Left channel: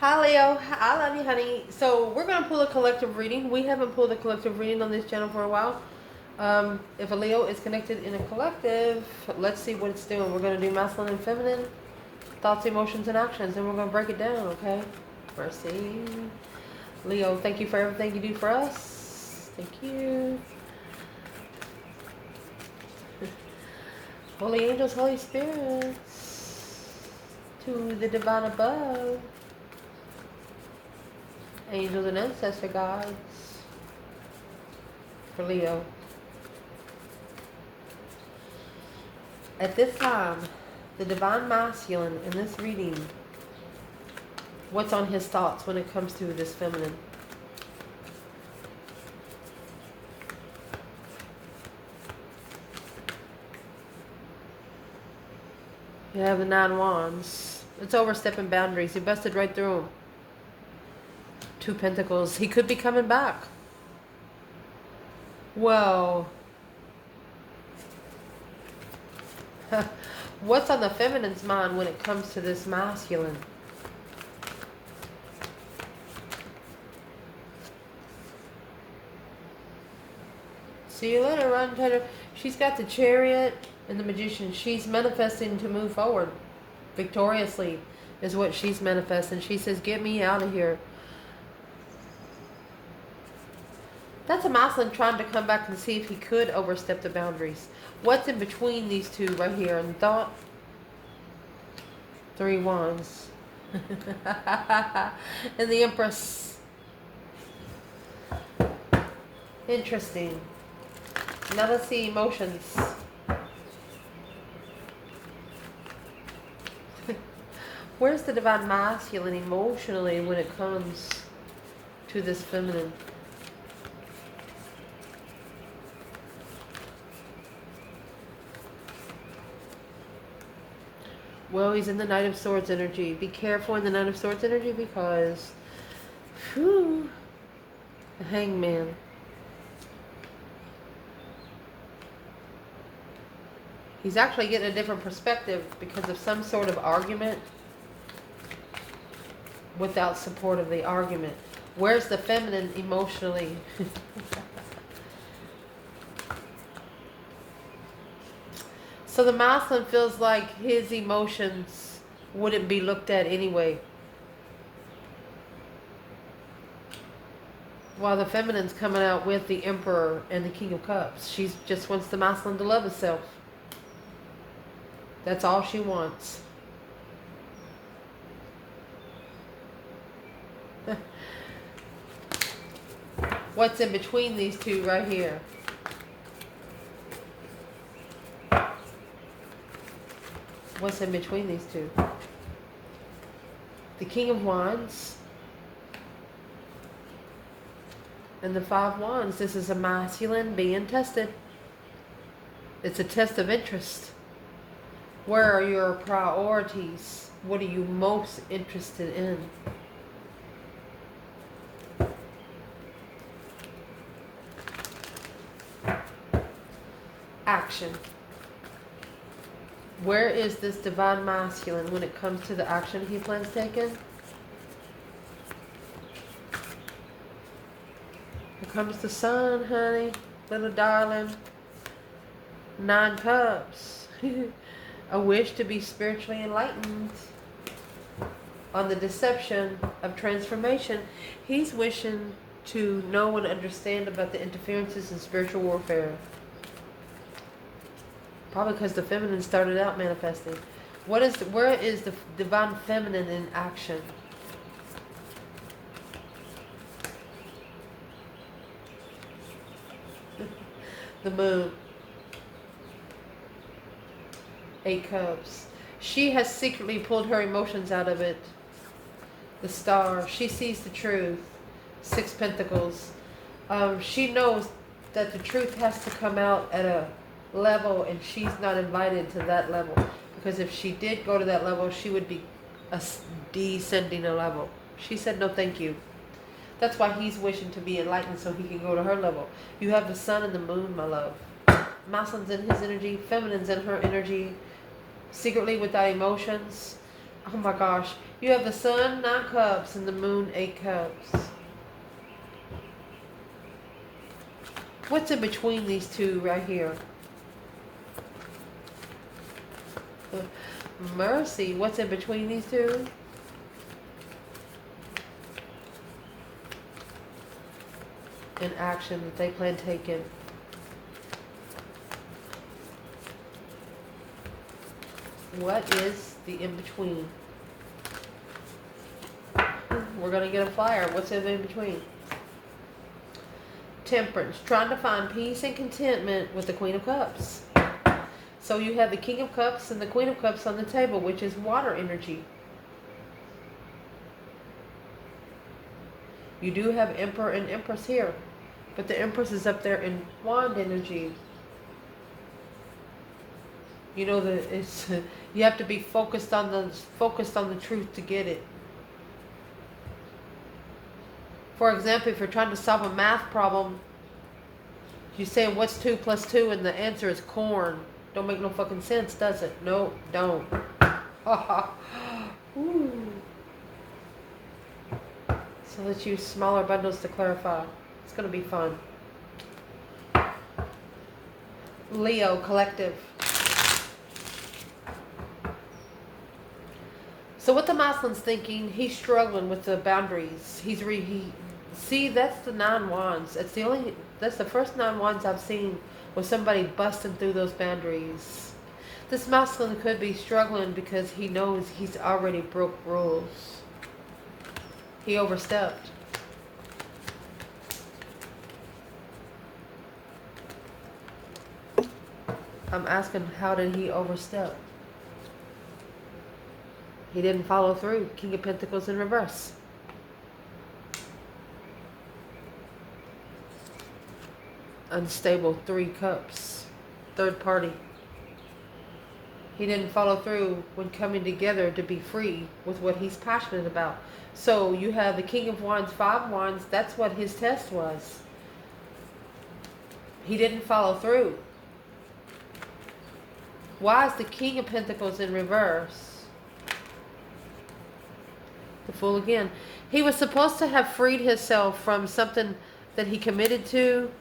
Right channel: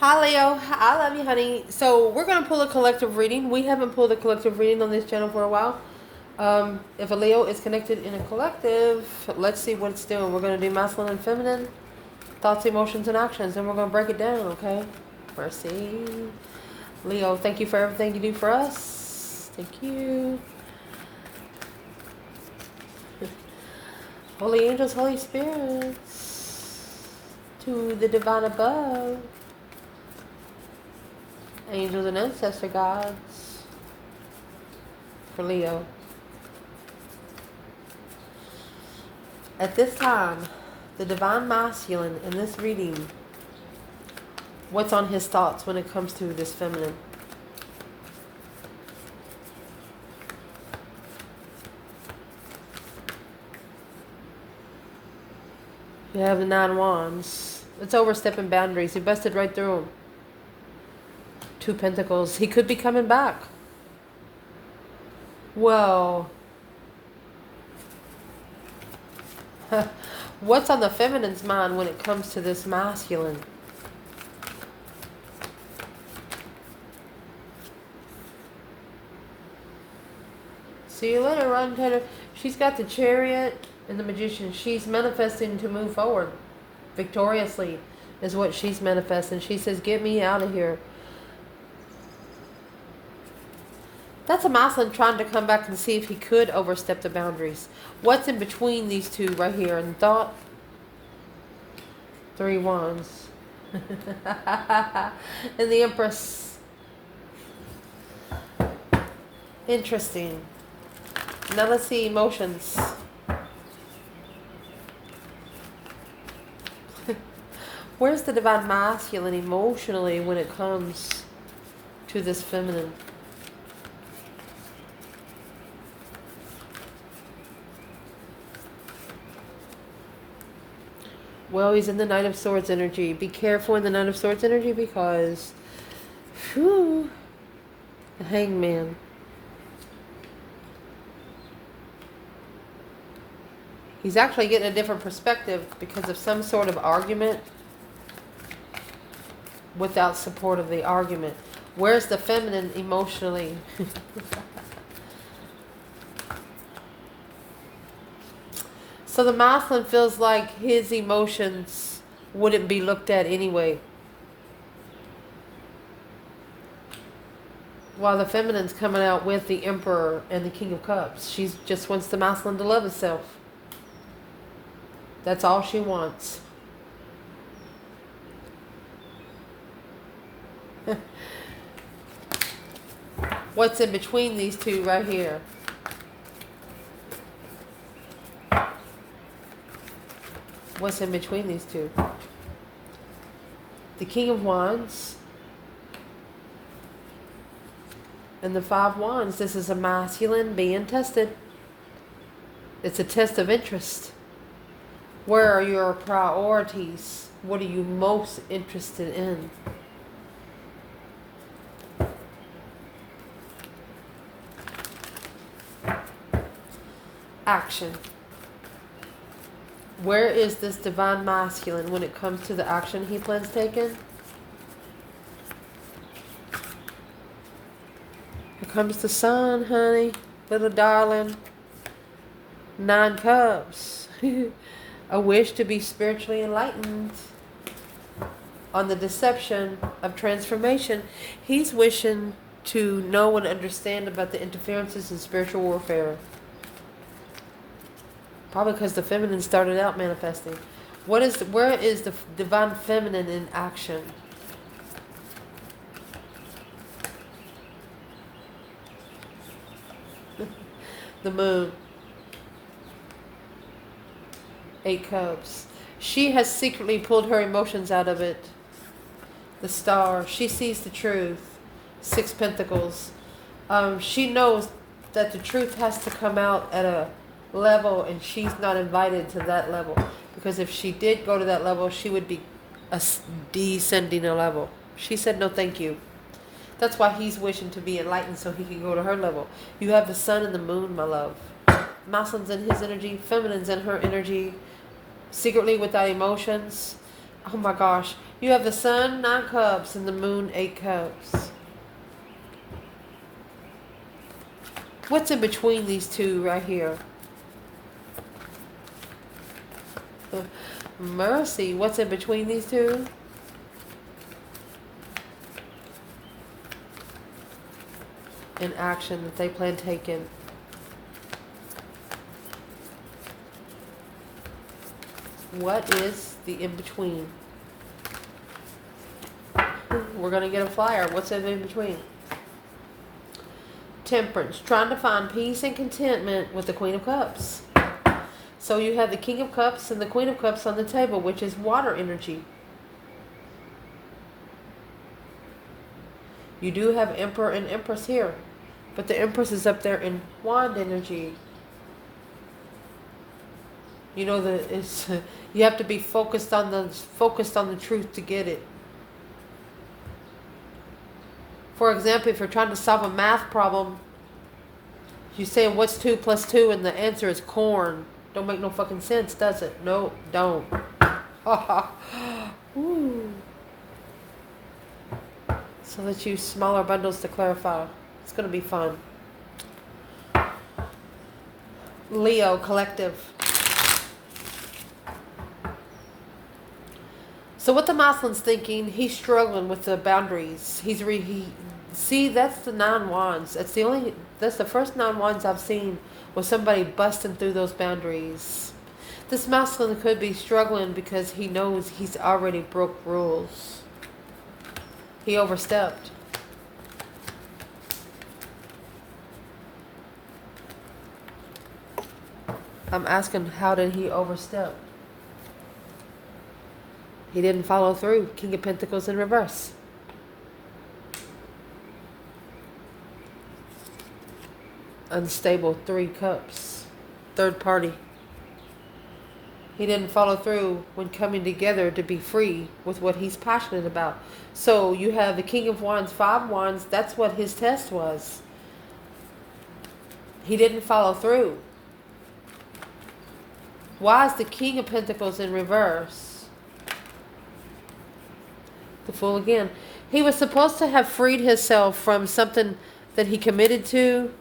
Hi Leo, I love you, honey. So we're gonna pull a collective reading. We haven't pulled a collective reading on this channel for a while. If a Leo is connected in a collective, let's see what it's doing. We're gonna do masculine and feminine thoughts, emotions, and actions, and we're gonna break it down. Okay? Proceed. Leo, thank you for everything you do for us. Thank you. Holy angels, Holy spirits, to the divine above. Angels and ancestor gods for Leo. At this time, the divine masculine in this reading, what's on his thoughts when it comes to this feminine? You have the 9 wands. It's overstepping boundaries. He busted right through them. 2 pentacles. He could be coming back. Well, what's on the feminine's mind when it comes to this masculine? See you later, Run Taylor. She's got the Chariot and the Magician. She's manifesting to move forward victoriously is what she's manifesting. She says, get me out of here. That's a masculine trying to come back and see if he could overstep the boundaries. What's in between these two right here? And thought, 3 wands. And the Empress. Interesting. Now let's see emotions. Where's the divine masculine emotionally when it comes to this feminine? Well, he's in the Knight of Swords energy. Be careful in the Knight of Swords energy because, whew, the Hangman. He's actually getting a different perspective because of some sort of argument without support of the argument. Where's the feminine emotionally? So the masculine feels like his emotions wouldn't be looked at anyway. While the feminine's coming out with the Emperor and the King of Cups. She just wants the masculine to love itself. That's all she wants. What's in between these two right here? What's in between these two? The King of Wands and the 5 Wands. This is a masculine being tested. It's a test of interest. Where are your priorities? What are you most interested in? Action. Where is this divine masculine when it comes to the action he plans taking? Here comes the sun, honey. Little darling. 9 cups. A wish to be spiritually enlightened. On the deception of transformation. He's wishing to know and understand about the interferences in spiritual warfare. Probably because the feminine started out manifesting. Where is the divine feminine in action? The moon. 8 cups. She has secretly pulled her emotions out of it. The star. She sees the truth. 6 pentacles. She knows that the truth has to come out at a level, and she's not invited to that level, because if she did go to that level, she would be descending a level. She said no thank you. That's why he's wishing to be enlightened so he can go to her level. You have the sun and the moon, my love. Masculine's in his energy, feminine's in her energy, secretly without emotions. Oh my gosh, You have the sun, 9 cups, and the moon, 8 cups. What's in between these two right here? Mercy. What's in between these two? An action that they plan taking. What is the in-between? We're going to get a flyer. What's in between? Temperance. Trying to find peace and contentment with the Queen of Cups. So you have the King of Cups and the Queen of Cups on the table, which is water energy. You do have Emperor and Empress here, but the Empress is up there in wand energy. You know that it's you have to be focused on the truth to get it. For example, if you're trying to solve a math problem, you're saying what's 2 plus 2 and the answer is corn. Don't make no fucking sense, does it? No, don't. So let's use smaller bundles to clarify. It's going to be fun. Leo collective. So what the Masculine's thinking, he's struggling with the boundaries. See, that's the 9 wands. That's the first 9 wands I've seen with somebody busting through those boundaries. This Masculine could be struggling because he knows he's already broke rules. He overstepped. I'm asking, how did he overstep? He didn't follow through. King of Pentacles in reverse. Unstable, 3 cups. Third party. He didn't follow through when coming together to be free with what he's passionate about. So you have the King of Wands, 5 wands. That's what his test was. He didn't follow through. Why is the King of Pentacles in reverse? The Fool again. He was supposed to have freed himself from something that he committed to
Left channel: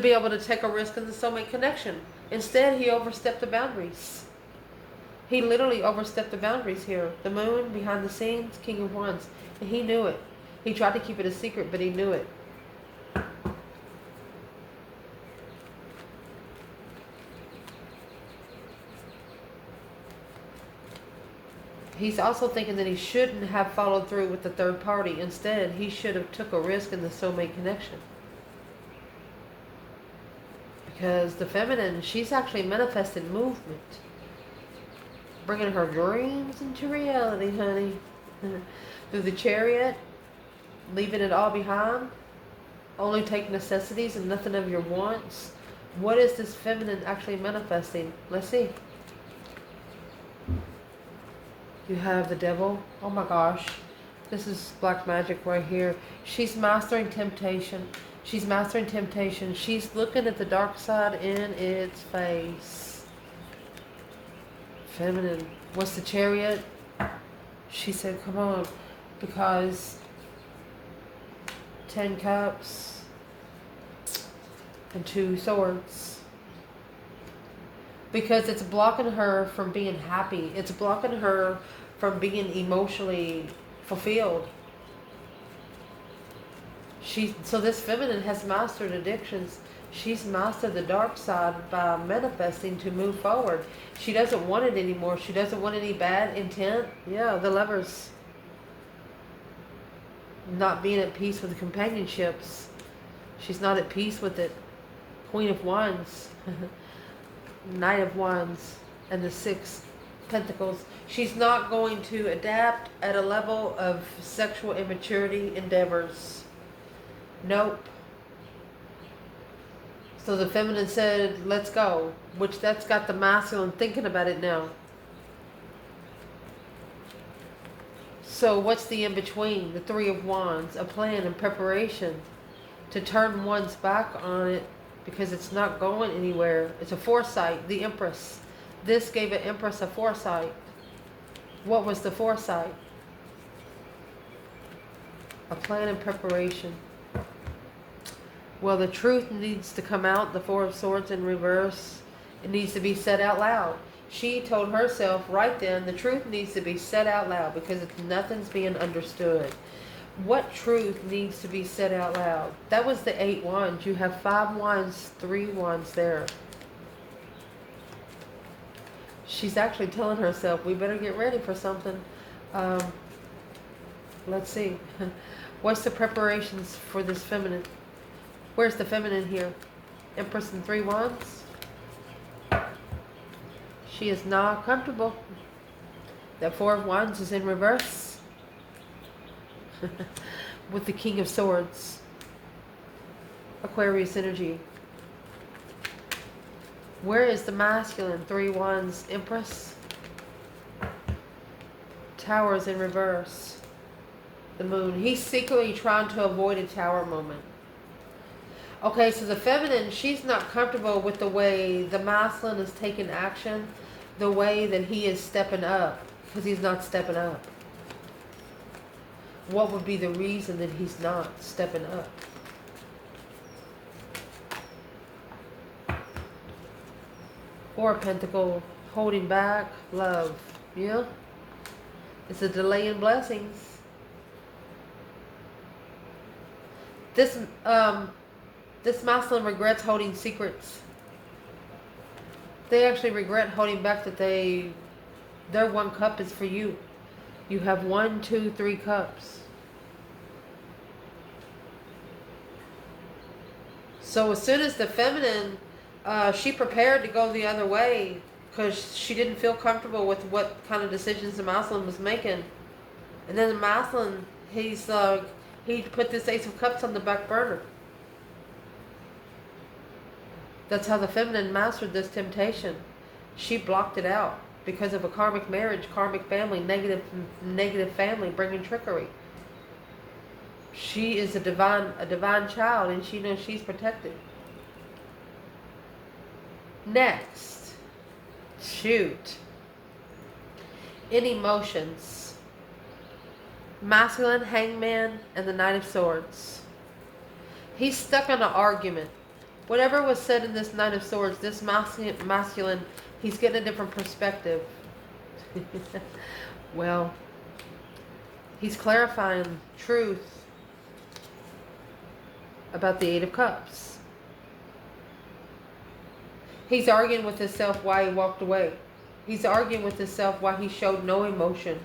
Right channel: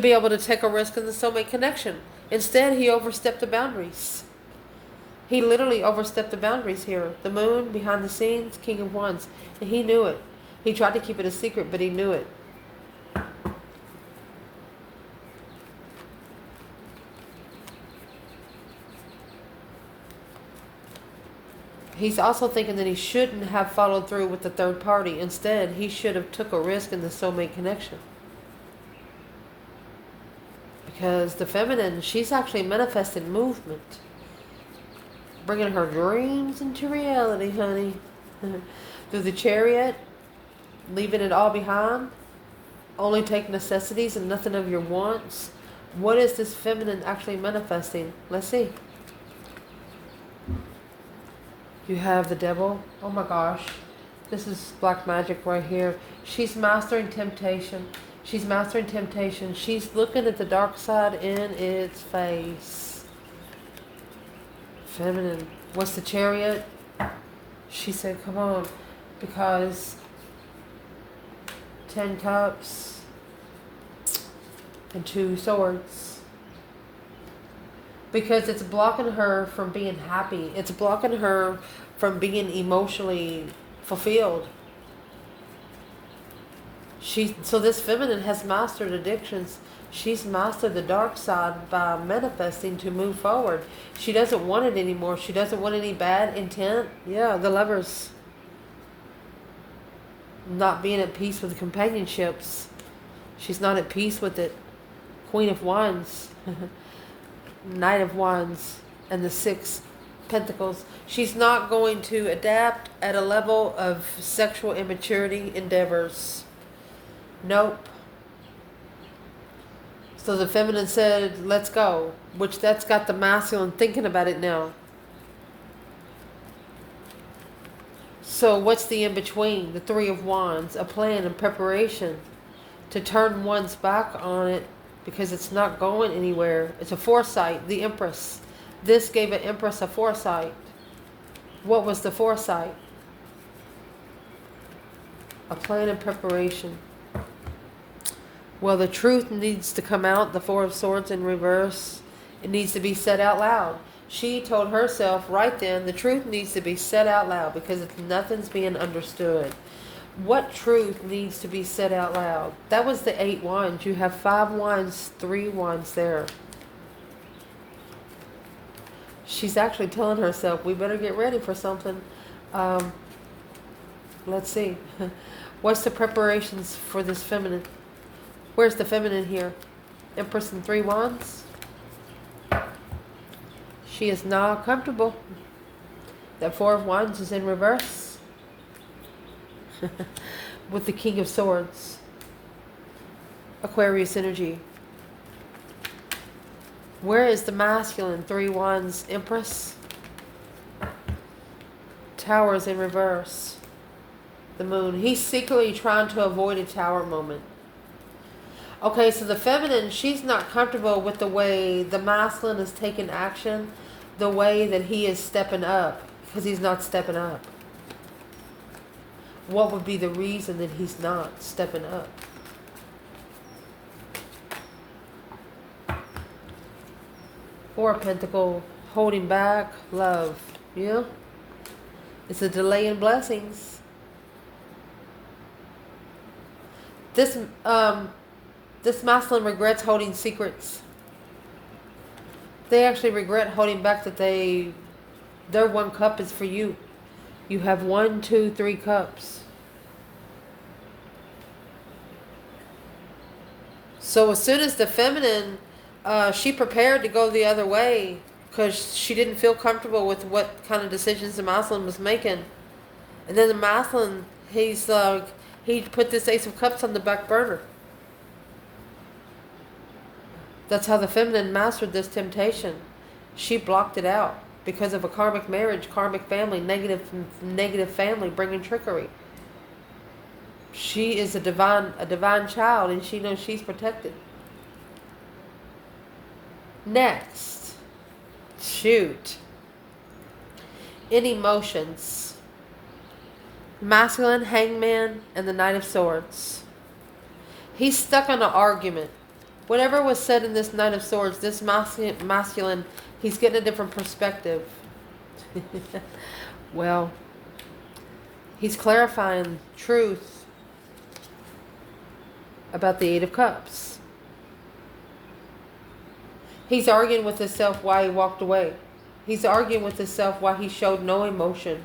be able to take a risk in the soulmate connection. Instead, he overstepped the boundaries. He literally overstepped the boundaries here. The Moon, behind the scenes, King of Wands. And he knew it. He tried to keep it a secret, but he knew it. He's also thinking that he shouldn't have followed through with the third party. Instead, he should have took a risk in the soulmate connection. Because the feminine, she's actually manifesting movement. Bringing her dreams into reality, honey. Through the Chariot, leaving it all behind. Only take necessities and nothing of your wants. What is this feminine actually manifesting? Let's see. You have the Devil. Oh my gosh. This is black magic right here. She's mastering temptation. She's mastering temptation. She's looking at the dark side in its face. Feminine. What's the Chariot? She said, come on. Because 10 cups and 2 swords. Because it's blocking her from being happy. It's blocking her from being emotionally fulfilled. So this feminine has mastered addictions. She's mastered the dark side by manifesting to move forward. She doesn't want it anymore. She doesn't want any bad intent. Yeah, the Lovers. Not being at peace with companionships. She's not at peace with it. Queen of Wands. Knight of Wands. And the 6 Pentacles. She's not going to adapt at a level of sexual immaturity endeavors. Nope. So the feminine said, let's go. Which that's got the masculine thinking about it now. So what's the in-between? The 3 of Wands. A plan and preparation to turn one's back on it because it's not going anywhere. It's a foresight. The Empress. This gave an Empress a foresight. What was the foresight? A plan and preparation. Well, the truth needs to come out, the Four of Swords in reverse. It needs to be said out loud. She told herself right then, the truth needs to be said out loud because nothing's being understood. What truth needs to be said out loud? That was the 8 wands. You have 5 wands, 3 wands there. She's actually telling herself, we better get ready for something. Let's see. What's the preparations for this feminine? Where's the feminine here? Empress and 3 wands. She is not comfortable. The 4 of wands is in reverse. With the King of Swords. Aquarius energy. Where is the masculine? 3 wands, Empress. Tower is in reverse. The moon. He's secretly trying to avoid a tower moment. Okay, so the feminine, she's not comfortable with the way the masculine is taking action, the way that he is stepping up, because he's not stepping up. What would be the reason that he's not stepping up? Four of Pentacles, holding back, love. Yeah? It's a delay in blessings. This masculine regrets holding secrets. They actually regret holding back that their 1 cup is for you. You have 1, 2, 3 cups. So as soon as the feminine, she prepared to go the other way because she didn't feel comfortable with what kind of decisions the masculine was making. And then the masculine, he put this Ace of Cups on the back burner. That's how the feminine mastered this temptation. She blocked it out because of a karmic marriage, karmic family, negative family bringing trickery. She is a divine child, and she knows she's protected. Next, shoot. In emotions, masculine, hangman, and the Knight of Swords. He's stuck on an argument. Whatever was said in this Knight of Swords, this masculine, he's getting a different perspective. Well, he's clarifying truth about the 8 of Cups. He's arguing with himself why he walked away. He's arguing with himself why he showed no emotion.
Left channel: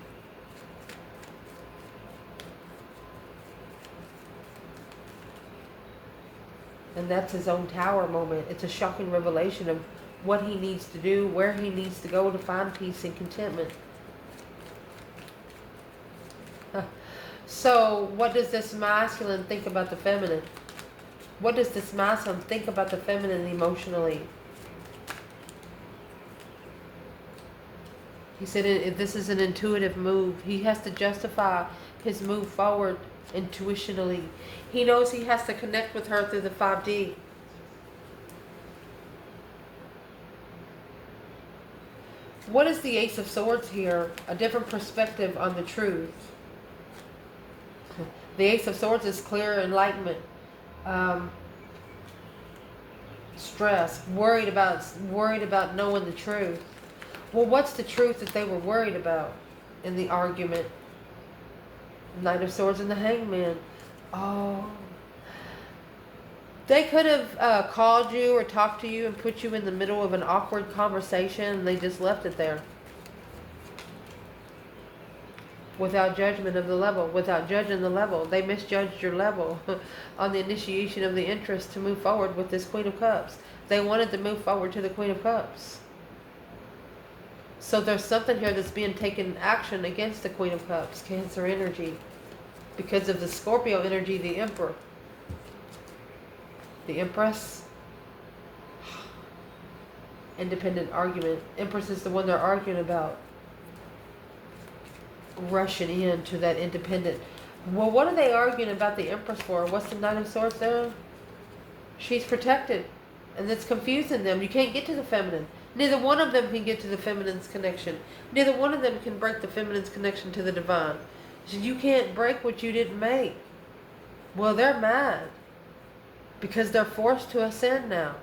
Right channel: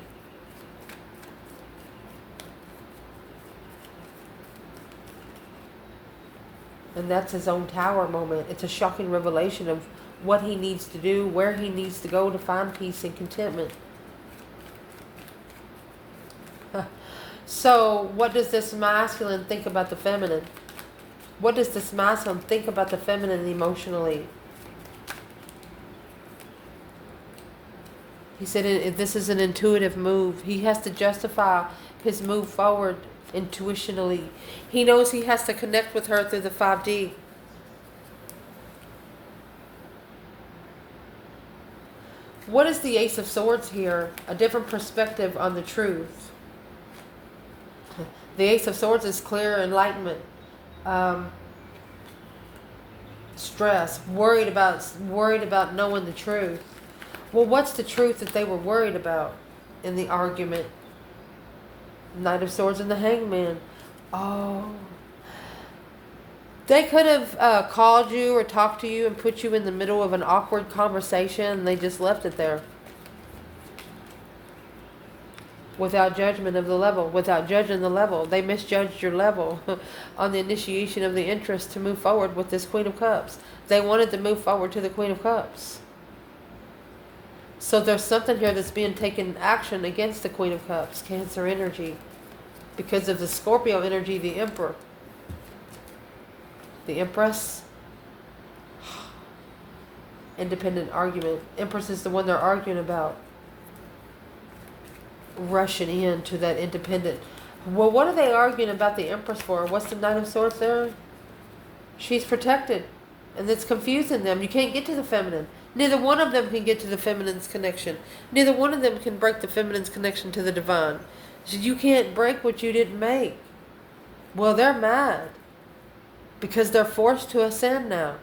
And that's his own tower moment. It's a shocking revelation of what he needs to do, where he needs to go to find peace and contentment. So, what does this masculine think about the feminine? What does this masculine think about the feminine emotionally? He said this is an intuitive move. He has to justify his move forward intuitionally. He knows he has to connect with her through the 5D. What is the Ace of Swords here? A different perspective on the truth. The Ace of Swords is clear enlightenment. Stress, worried about knowing the truth. Well, what's the truth that they were worried about in the argument? Knight of Swords and the Hangman. Oh. They could have called you or talked to you and put you in the middle of an awkward conversation and they just left it there. Without judgment of the level, without judging the level. They misjudged your level on the initiation of the interest to move forward with this Queen of Cups. They wanted to move forward to the Queen of Cups. So there's something here that's being taken action against the Queen of Cups, Cancer energy. Because of the Scorpio energy, the Emperor. The Empress. Independent argument. Empress is the one they're arguing about. Rushing into that independent. Well, what are they arguing about the Empress for? What's the Knight of Swords there? She's protected. And it's confusing them. You can't get to the feminine. Neither one of them can get to the feminine's connection. Neither one of them can break the feminine's connection to the divine. So you can't break what you didn't make. Well, they're mad because they're forced to ascend now.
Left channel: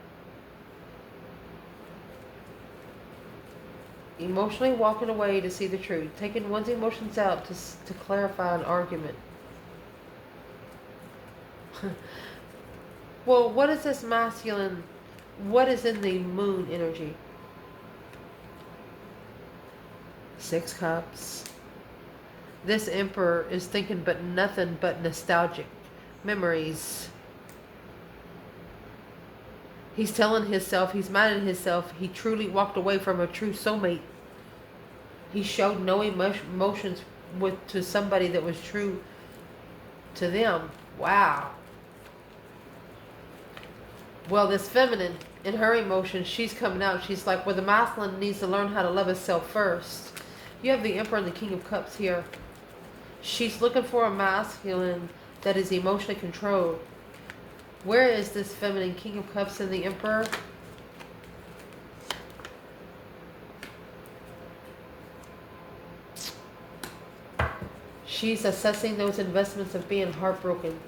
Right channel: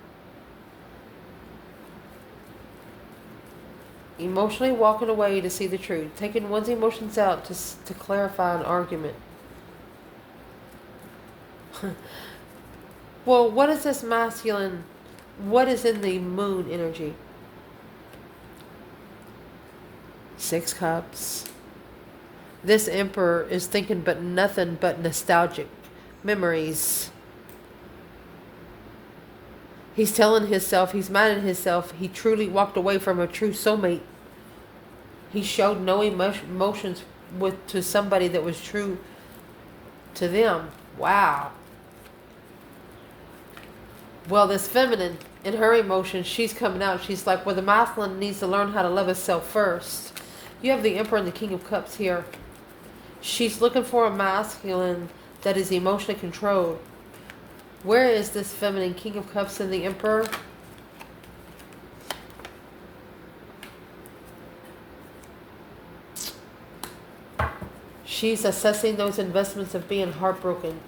Emotionally walking away to see the truth. Taking one's emotions out to clarify an argument. Well, what is this masculine? What is in the moon energy? 6 cups. This emperor is thinking but nothing but nostalgic memories. He's telling himself, he's mad at himself, he truly walked away from a true soulmate. He showed no emotions to somebody that was true to them. Wow. Well, this feminine, in her emotions, she's coming out. She's like, well, the masculine needs to learn how to love itself first. You have the Emperor and the King of Cups here. She's looking for a masculine that is emotionally controlled. Where is this feminine King of Cups and the Emperor? She's assessing those investments of being heartbroken.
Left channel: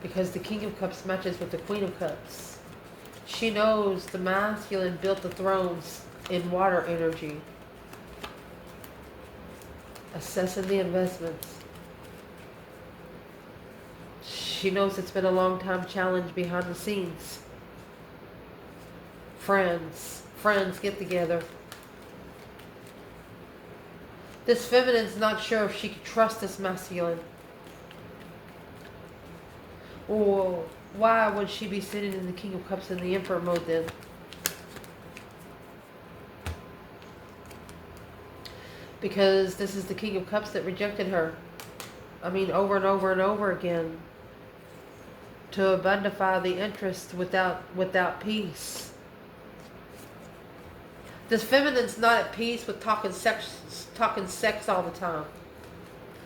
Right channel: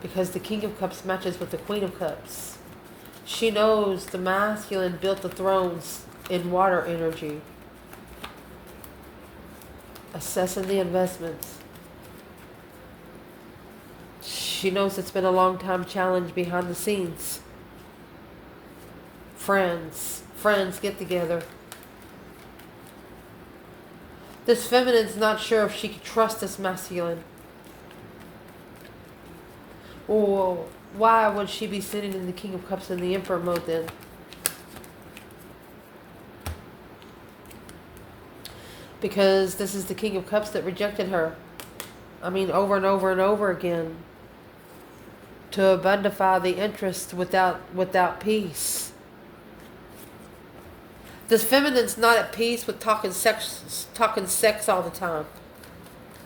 Because the King of Cups matches with the Queen of Cups. She knows the masculine built the thrones in water energy. Assessing the investments. She knows it's been a long time challenge behind the scenes. Friends get together. This feminine's not sure if she can trust this masculine. Or why would she be sitting in the King of Cups and the Emperor mode then? Because this is the King of Cups that rejected her. I mean, over and over and over again. To abundify the interest without peace. This feminine's not at peace with talking sex all the time.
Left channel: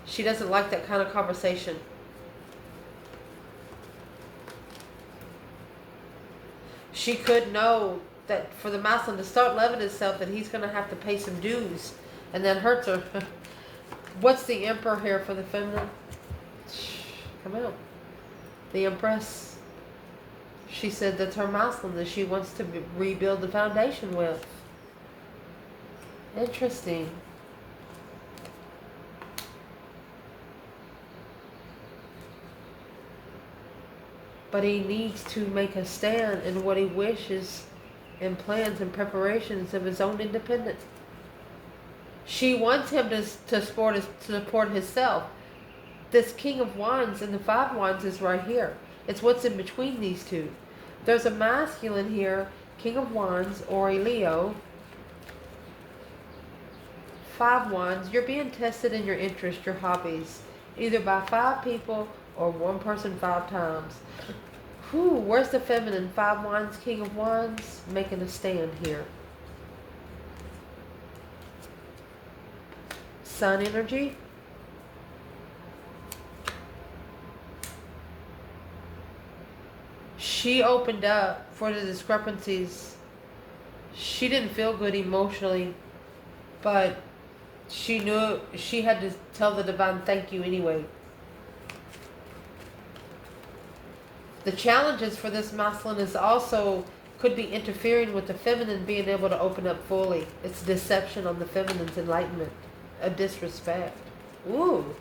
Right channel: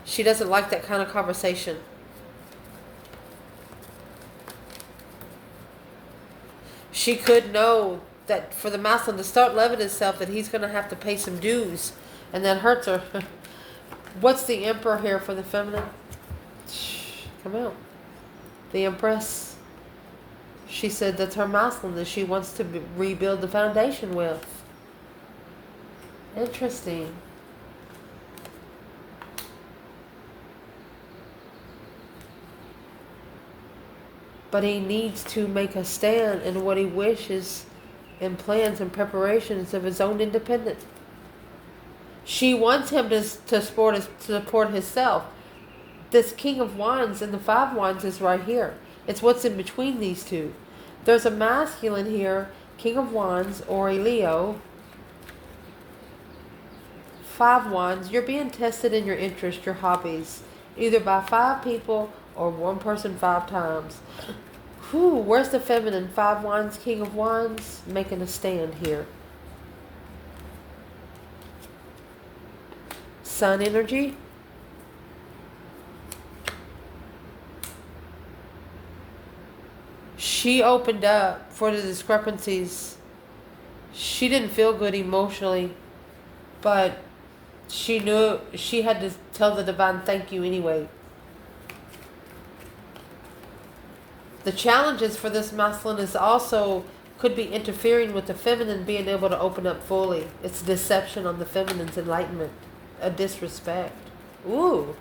She doesn't like that kind of conversation. She could know that for the masculine to start loving himself, that he's going to have to pay some dues. And that hurts her. What's the Emperor here for the feminine? Come on. The Empress. She said that's her masculine that she wants to rebuild the foundation with. Interesting. But he needs to make a stand in what he wishes and plans and preparations of his own independence. She wants him to support himself. This King of Wands and the 5 Wands is right here. It's what's in between these two. There's a masculine here, King of Wands or a Leo. 5 Wands, you're being tested in your interest, your hobbies, either by 5 people or one person 5 times. Whew, where's the feminine? 5 Wands, King of Wands, making a stand here. Sun energy. She opened up for the discrepancies. She didn't feel good emotionally, but she knew she had to tell the divine thank you anyway. The challenges for this masculine is also could be interfering with the feminine being able to open up fully. It's deception on the feminine's enlightenment. A disrespect. Ooh.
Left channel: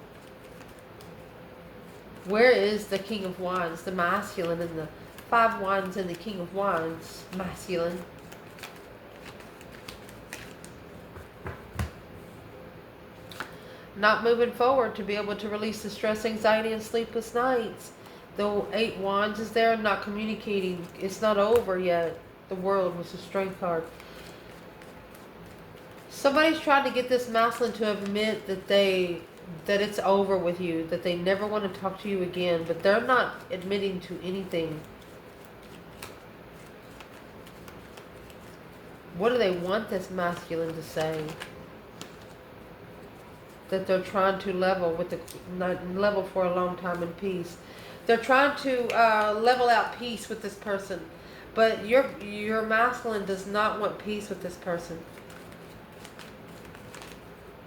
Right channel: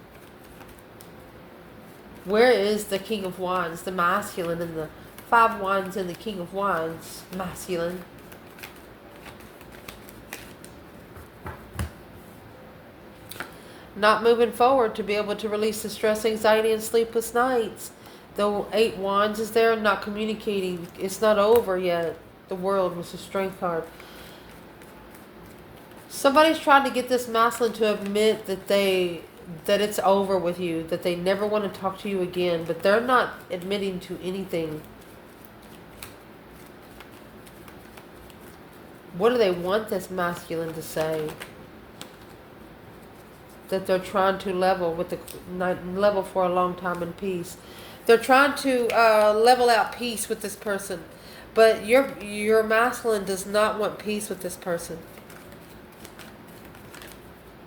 Where is the King of Wands, the masculine, and the 5 Wands and the King of Wands, masculine? Not moving forward to be able to release the stress, anxiety, and sleepless nights. The 8 Wands is there, not communicating. It's not over yet. The World was a Strength card. Somebody's trying to get this masculine to admit that it's over with you, that they never want to talk to you again, but they're not admitting to anything. What do they want this masculine to say? That they're trying to level with level for a long time in peace. They're trying to level out peace with this person, But your masculine does not want peace with this person.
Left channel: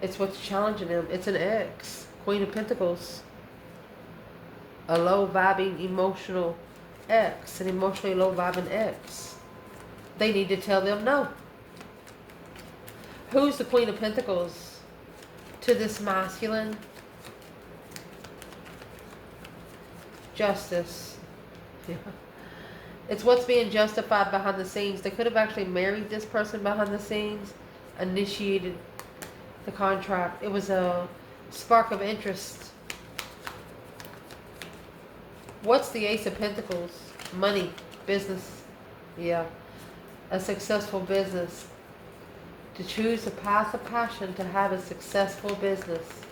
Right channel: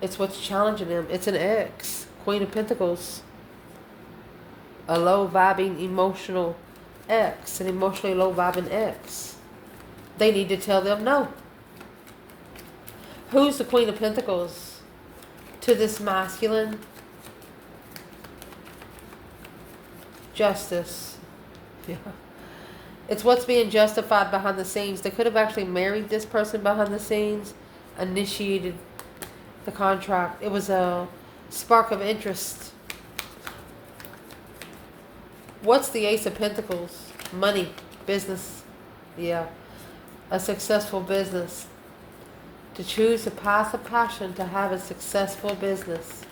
It's what's challenging him. It's an ex. Queen of Pentacles. A low vibing emotional ex. An emotionally low vibing ex. They need to tell them no. Who's the Queen of Pentacles to this masculine? Justice. Yeah. It's what's being justified behind the scenes. They could have actually married this person behind the scenes, initiated the contract. It was a spark of interest. What's the Ace of Pentacles? Money, business. Yeah. A successful business. To choose a path of passion to have a successful business.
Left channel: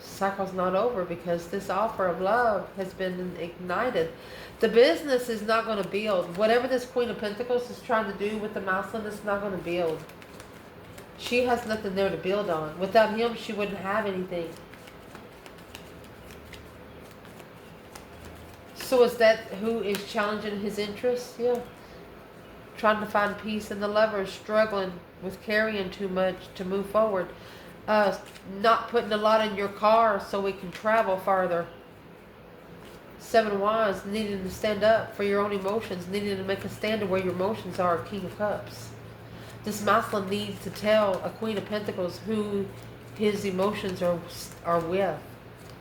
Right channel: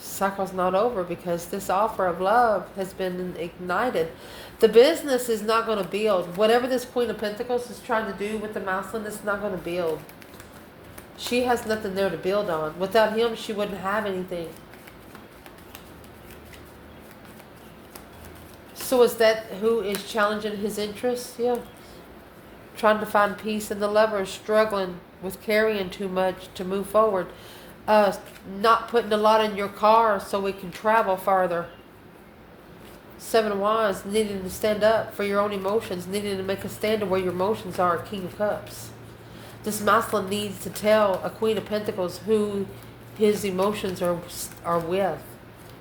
Cycle's not over because this offer of love has been ignited. The business is not going to build. Whatever this Queen of Pentacles is trying to do with the masculine, it's not going to build. She has nothing there to build on. Without him, she wouldn't have anything. So is that who is challenging his interests? Yeah. Trying to find peace in the lover, struggling with carrying too much to move forward. Not putting a lot in your car so we can travel farther. Seven of Wands, needing to stand up for your own emotions, needing to make a stand of where your emotions are. King of Cups. This masculine needs to tell a Queen of Pentacles who his emotions are with.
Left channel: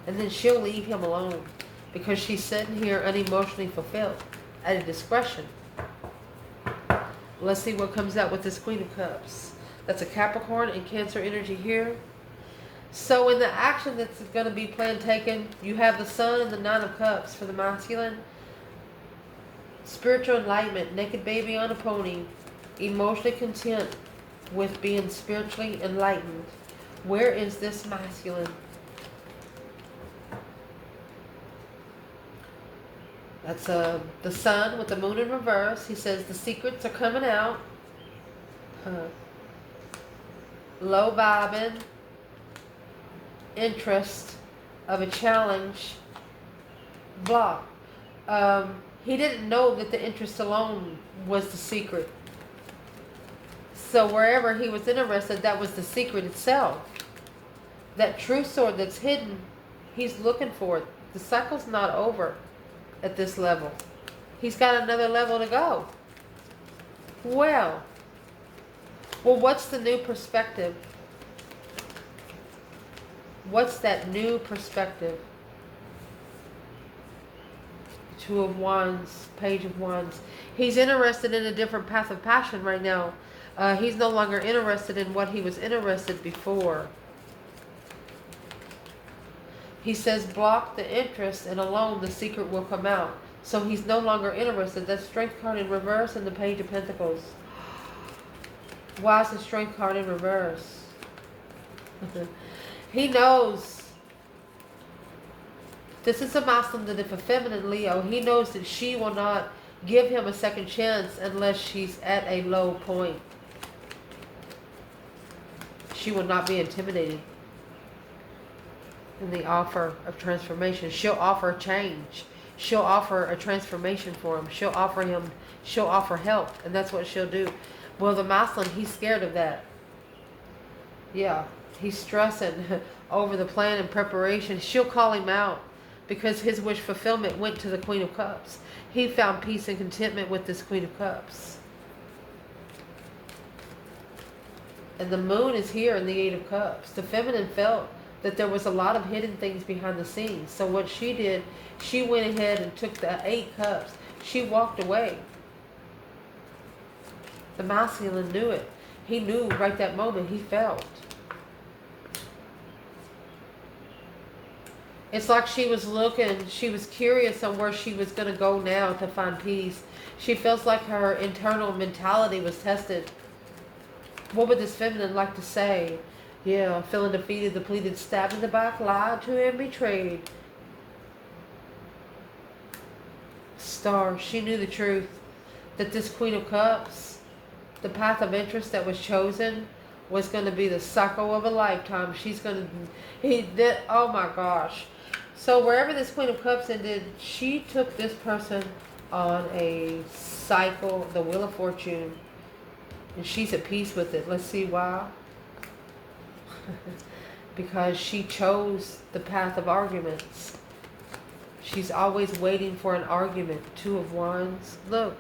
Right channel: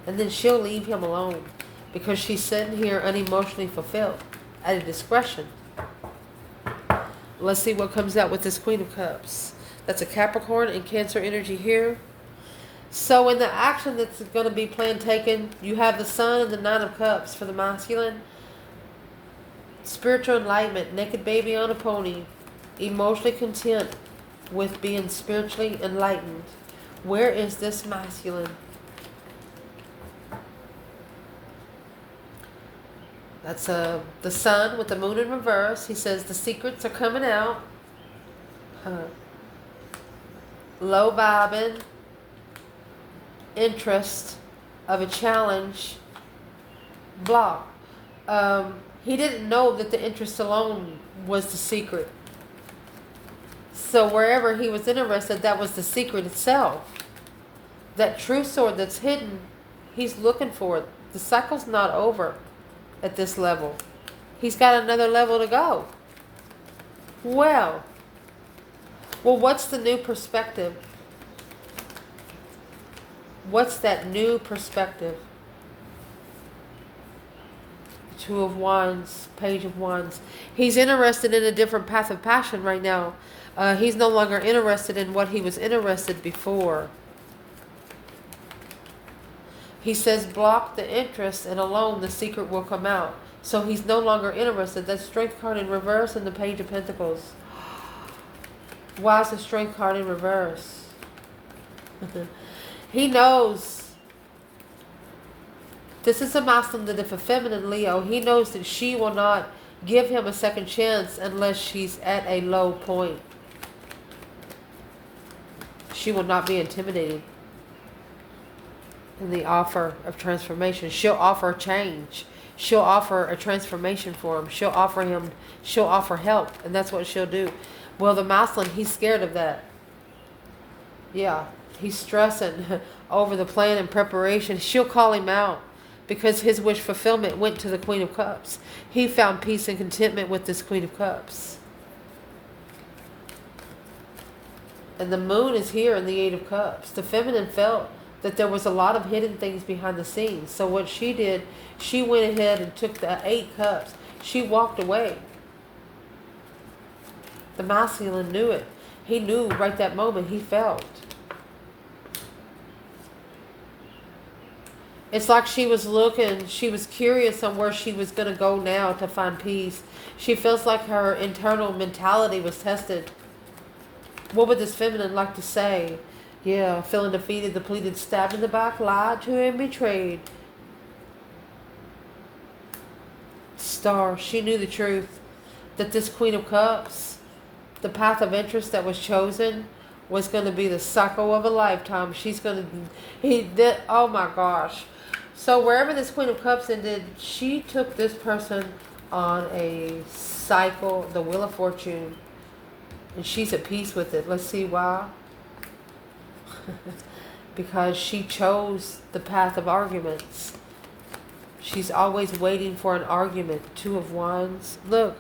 And then she'll leave him alone because she's sitting here unemotionally fulfilled at a discretion. Let's see what comes out with this Queen of Cups. That's a Capricorn and Cancer energy here. So in the action that's going to be planned taken, you have the Sun and the Nine of Cups for the masculine. Spiritual enlightenment, naked baby on a pony. Emotionally content with being spiritually enlightened. Where is this masculine? That's the Sun with the Moon in reverse. He says the secrets are coming out. Low vibing. Interest of a challenge. Block. He didn't know that the interest alone was the secret. So wherever he was interested, that was the secret itself. That true sword that's hidden, he's looking for it. The cycle's not over at this level. He's got another level to go. Well, what's the new perspective? What's that new perspective? Two of Wands, Page of Wands. He's interested in a different path of passion right now. He's no longer interested in what he was interested before. He says block the interest and alone the secret will come out. So he's no longer interested. That Strength card in reverse and the Page of Pentacles. Why is the Strength card in reverse? He knows. This is a masculine that if a feminine Leo, he knows that she will not give him a second chance unless she's at a low point. She will not be intimidated in the offer of transformation. She'll offer change. She'll offer a transformation for him. She'll offer help, and that's what she'll do. Well, the masculine, he's scared of that. Yeah, he's stressing over the plan and preparation. She'll call him out because his wish fulfillment went to the Queen of Cups. He found peace and contentment with this Queen of Cups. And the Moon is here in the Eight of Cups. The feminine felt that there was a lot of hidden things behind the scenes. So what she did, she went ahead and took the 8 cups. She walked away. The masculine knew it. He knew right that moment. He felt. It's like she was looking, she was curious on where she was going to go now to find peace. She feels like her internal mentality was tested. What would this feminine like to say? Yeah, feeling defeated, depleted, stabbed in the back, lied to and betrayed. Star, she knew the truth. That this Queen of Cups, the path of interest that was chosen, was going to be the cycle of a lifetime. She's going to, oh my gosh. So wherever this Queen of Cups ended, she took this person on a cycle, the Wheel of Fortune, and she's at peace with it. Let's see why. Because she chose the path of arguments. She's always waiting for an argument. Two of Wands. Look,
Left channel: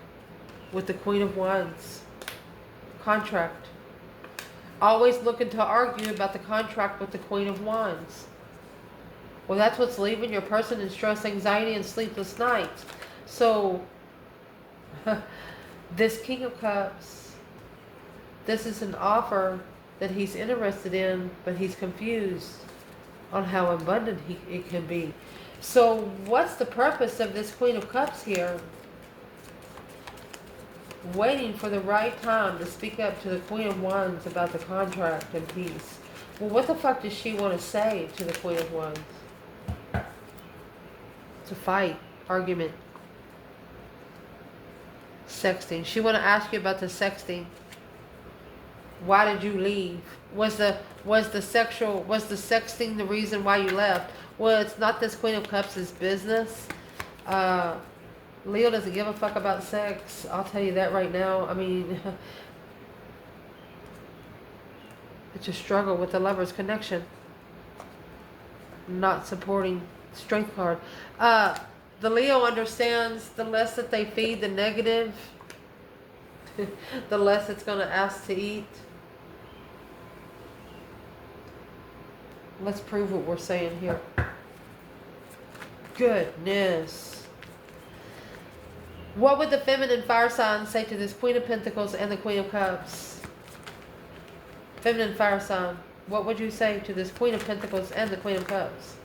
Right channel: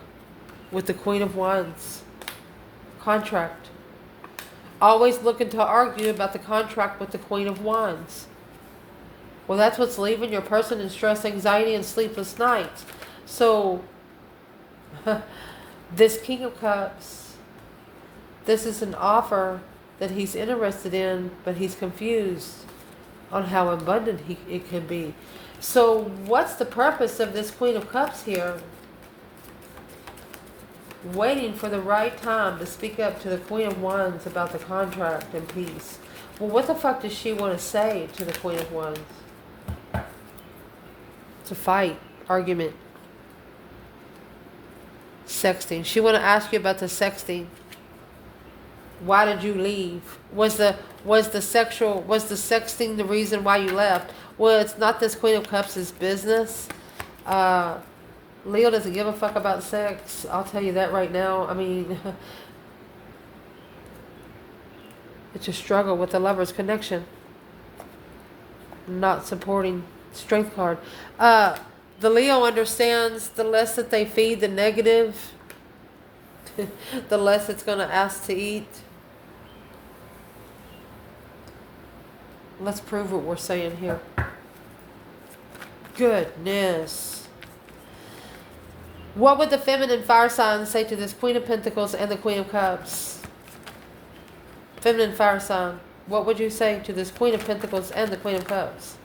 with the Queen of Wands. Contract. Always looking to argue about the contract with the Queen of Wands. Well, that's what's leaving your person in stress, anxiety, and sleepless nights. So, this King of Cups, this is an offer that he's interested in, but he's confused on how abundant it can be. So, what's the purpose of this Queen of Cups here? Waiting for the right time to speak up to the Queen of Wands about the contract and peace. Well, what the fuck does she want to say to the Queen of Wands? To fight, argument, sexting. She want to ask you about the sexting. Why did you leave? Was the sexting the reason why you left? Well, it's not this Queen of Cups' business. Leo doesn't give a fuck about sex. I'll tell you that right now. I mean, it's a struggle with the Lover's connection. Not supporting Strength card. The Leo understands the less that they feed the negative, the less it's going to ask to eat. Let's prove what we're saying here. Goodness. What would the feminine fire sign say to this Queen of Pentacles and the Queen of Cups? Feminine fire sign. What would you say to this Queen of Pentacles and the Queen of Cups?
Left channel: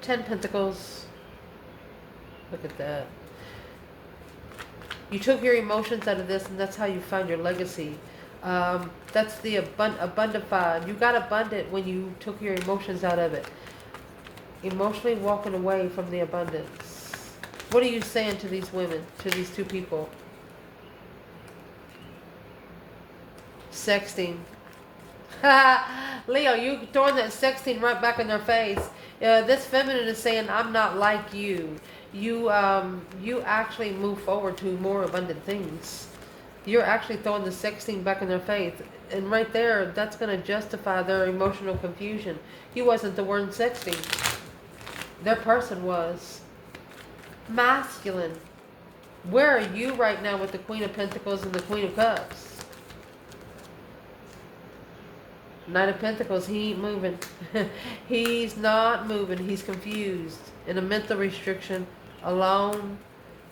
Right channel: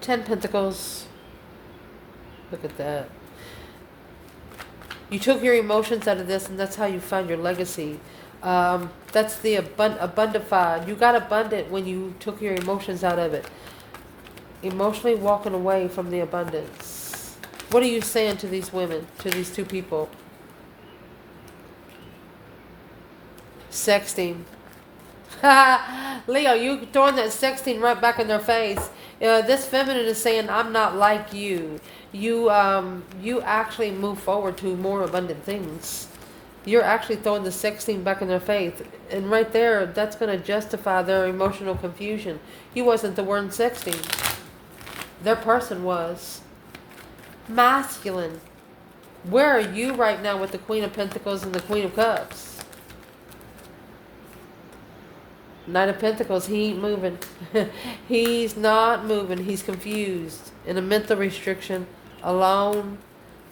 10 Pentacles. Look at that. You took your emotions out of this, and that's how you found your legacy. That's the abundified. You got abundant when you took your emotions out of it. Emotionally walking away from the abundance. What are you saying to these women, to these two people? Sexting. Leo, you throwing that sexting right back in their face. This feminine is saying, I'm not like you. You actually move forward to more abundant things. You're actually throwing the sexting back in their face. And right there, that's going to justify their emotional confusion. You wasn't the one sexting. Their person was. Masculine. Where are you right now with the Queen of Pentacles and the Queen of Cups? Knight of Pentacles, he ain't moving. He's not moving. He's confused. In a mental restriction. Alone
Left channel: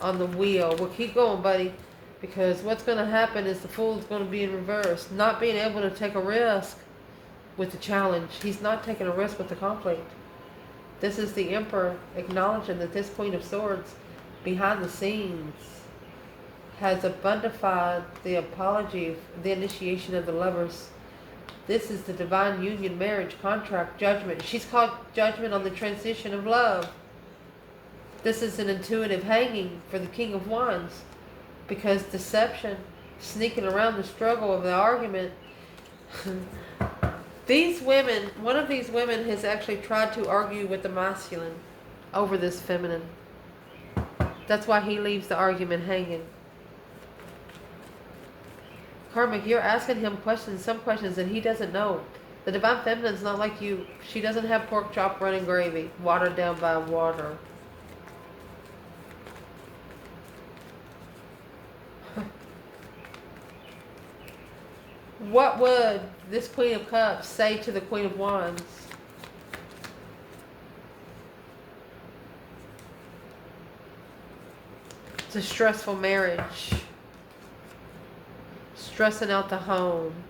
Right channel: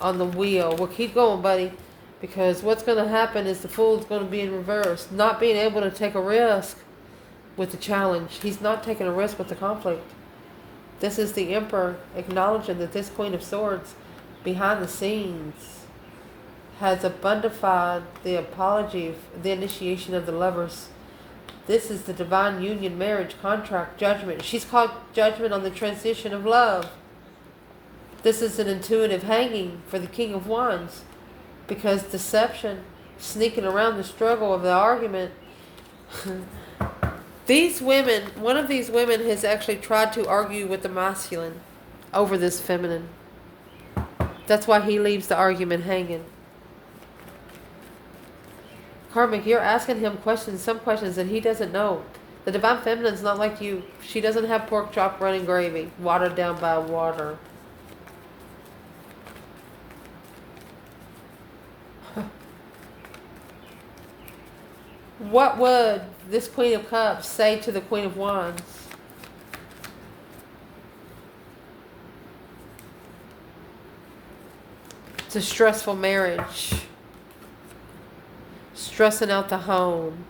on the wheel. Well, keep going, buddy. Because what's going to happen is the Fool's going to be in reverse. Not being able to take a risk with the challenge. He's not taking a risk with the conflict. This is the Emperor acknowledging that this Queen of Swords behind the scenes has abundified the apology, the initiation of the lovers. This is the divine union, marriage, contract, judgment. She's called judgment on the transition of love. This is an intuitive hanging for the King of Wands. Because deception, sneaking around the struggle of the argument. These women, one of these women has actually tried to argue with the masculine over this feminine. That's why he leaves the argument hanging. Karmic, you're asking him questions, some questions that he doesn't know. The divine feminine's not like you. She doesn't have pork chop running gravy, watered down by water. What would this Queen of Cups say to the Queen of Wands? It's a stressful marriage. Stressing out the home.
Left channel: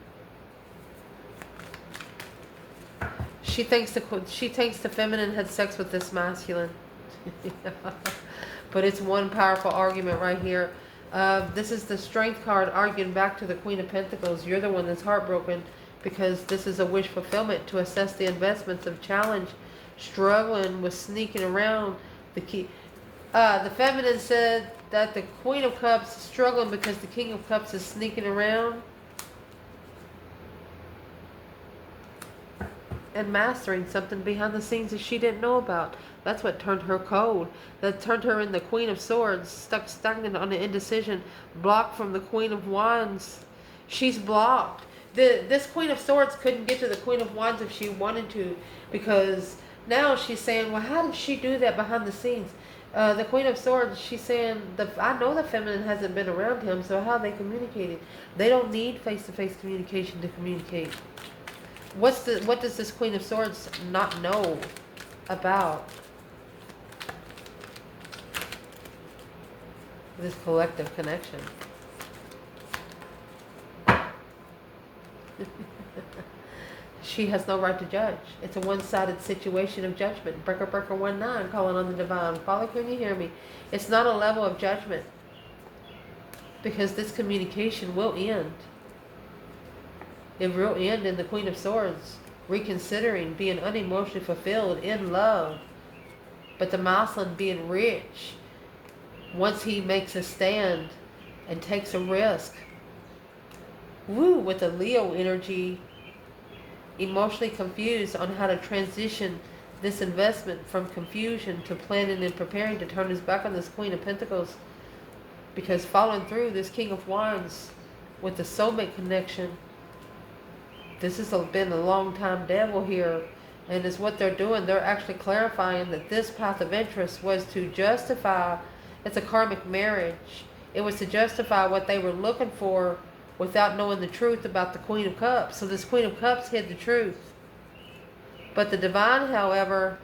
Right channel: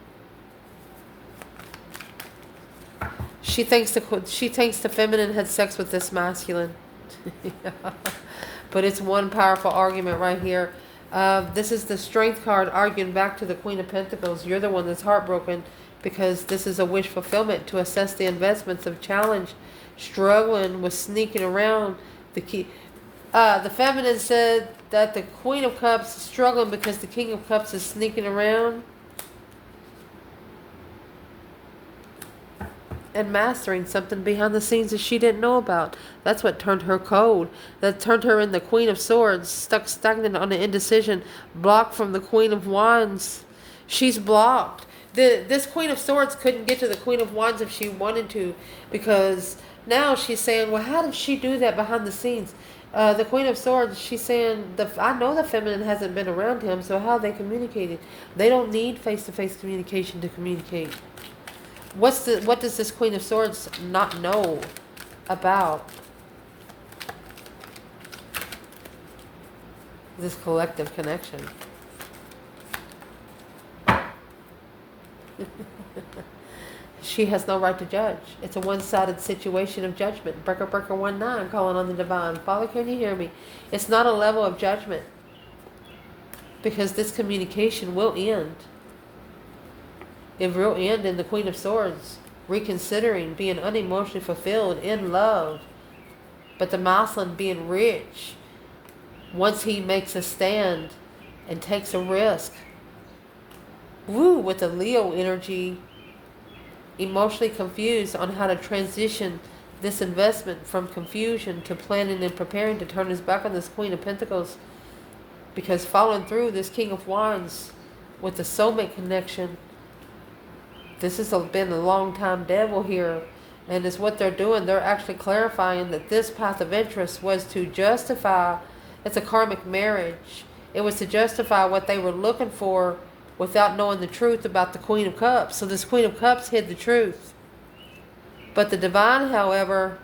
She thinks the feminine had sex with this masculine. But it's one powerful argument right here. This is the Strength card arguing back to the Queen of Pentacles. You're the one that's heartbroken because this is a wish fulfillment to assess the investments of challenge, struggling with sneaking around the key. The feminine said that the Queen of Cups is struggling because the King of Cups is sneaking around. and mastering something behind the scenes that she didn't know about. That's what turned her cold. That turned her in the Queen of Swords, stuck stagnant on the indecision, blocked from the Queen of Wands. She's blocked. This Queen of Swords couldn't get to the Queen of Wands if she wanted to, because now she's saying, well, how did she do that behind the scenes? The Queen of Swords, she's saying, I know the feminine hasn't been around him, so how are they communicating? They don't need face-to-face communication to communicate. What does this Queen of Swords not know about this collective connection? She has no right to judge. It's a one-sided situation of judgment. Breaker 19 calling on the divine. Father, can you hear me? It's not a level of judgment, because this communication will end. It will end in the Queen of Swords reconsidering, being unemotionally fulfilled, in love. But the Muslim being rich, once he makes a stand and takes a risk. Woo, with the Leo energy, emotionally confused on how to transition this investment from confusion to planning and preparing to turn his back on this Queen of Pentacles. Because following through this King of Wands with the soulmate connection, this has been a long time devil here. And it's what they're doing. They're actually clarifying that this path of interest was to justify, it's a karmic marriage. It was to justify what they were looking for without knowing the truth about the Queen of Cups. So this Queen of Cups hid the truth. But the divine, however,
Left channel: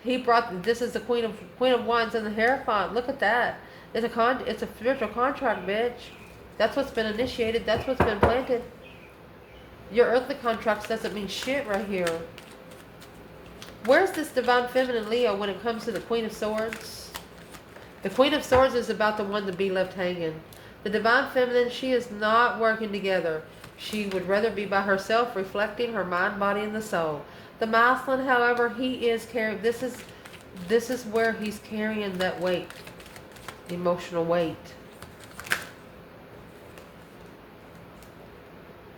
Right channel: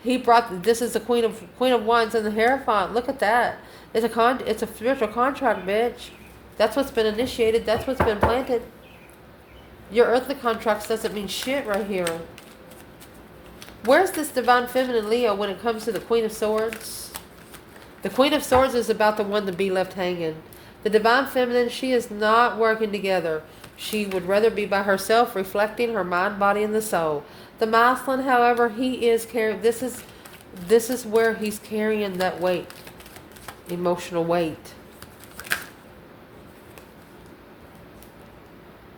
he brought, this is the Queen of Wands and the Hierophant. Look at that. It's a spiritual contract, bitch. That's what's been initiated. That's what's been planted. Your earthly contracts doesn't mean shit right here. Where's this divine feminine Leo when it comes to the Queen of Swords? The Queen of Swords is about the one to be left hanging. The divine feminine, she is not working together. She would rather be by herself, reflecting her mind, body, and the soul. The masculine, however, he is carrying, this is where he's carrying that weight, emotional weight.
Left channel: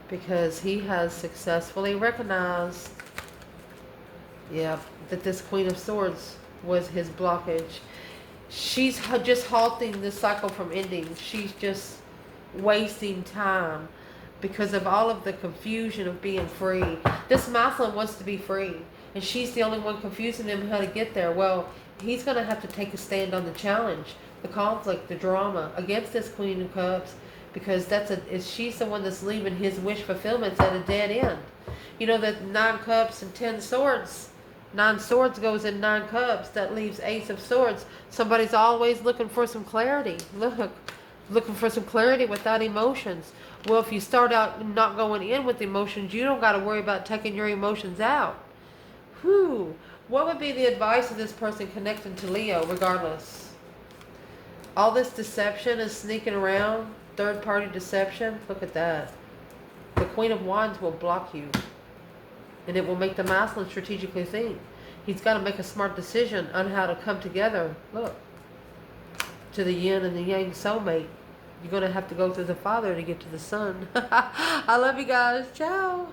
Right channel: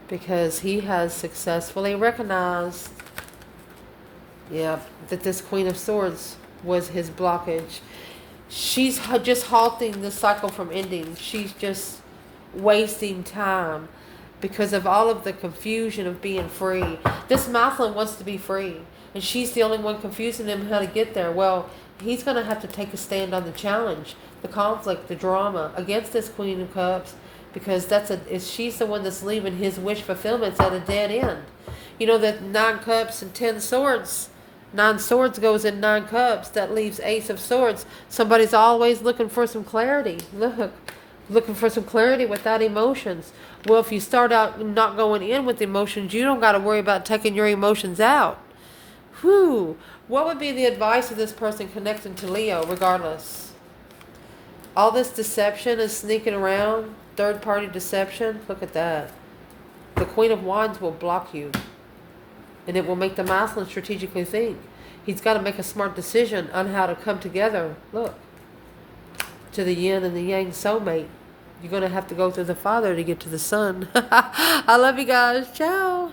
Because he has successfully recognized, that this Queen of Swords was his blockage. She's just halting the cycle from ending. She's just wasting time because of all of the confusion of being free. This masculine wants to be free, and she's the only one confusing him how to get there. Well, he's going to have to take a stand on the challenge, the conflict, the drama against this Queen of Cups, because she's the one that's leaving his wish fulfillments at a dead end. You know that 9 cups and 10 swords. 9 swords goes in 9 cups. That leaves Ace of Swords. Somebody's always looking for some clarity. Looking for some clarity without emotions. Well, if you start out not going in with emotions, you don't got to worry about taking your emotions out. Whew. What would be the advice of this person connecting to Leo regardless? All this deception is sneaking around. Third-party deception. Look at that. The Queen of Wands will block you. And it will make the masculine strategically think. He's got to make a smart decision on how to come together. Look. To the yin and the yang soulmate. You're going to have to go through the father to get to the son. I love you guys. Ciao.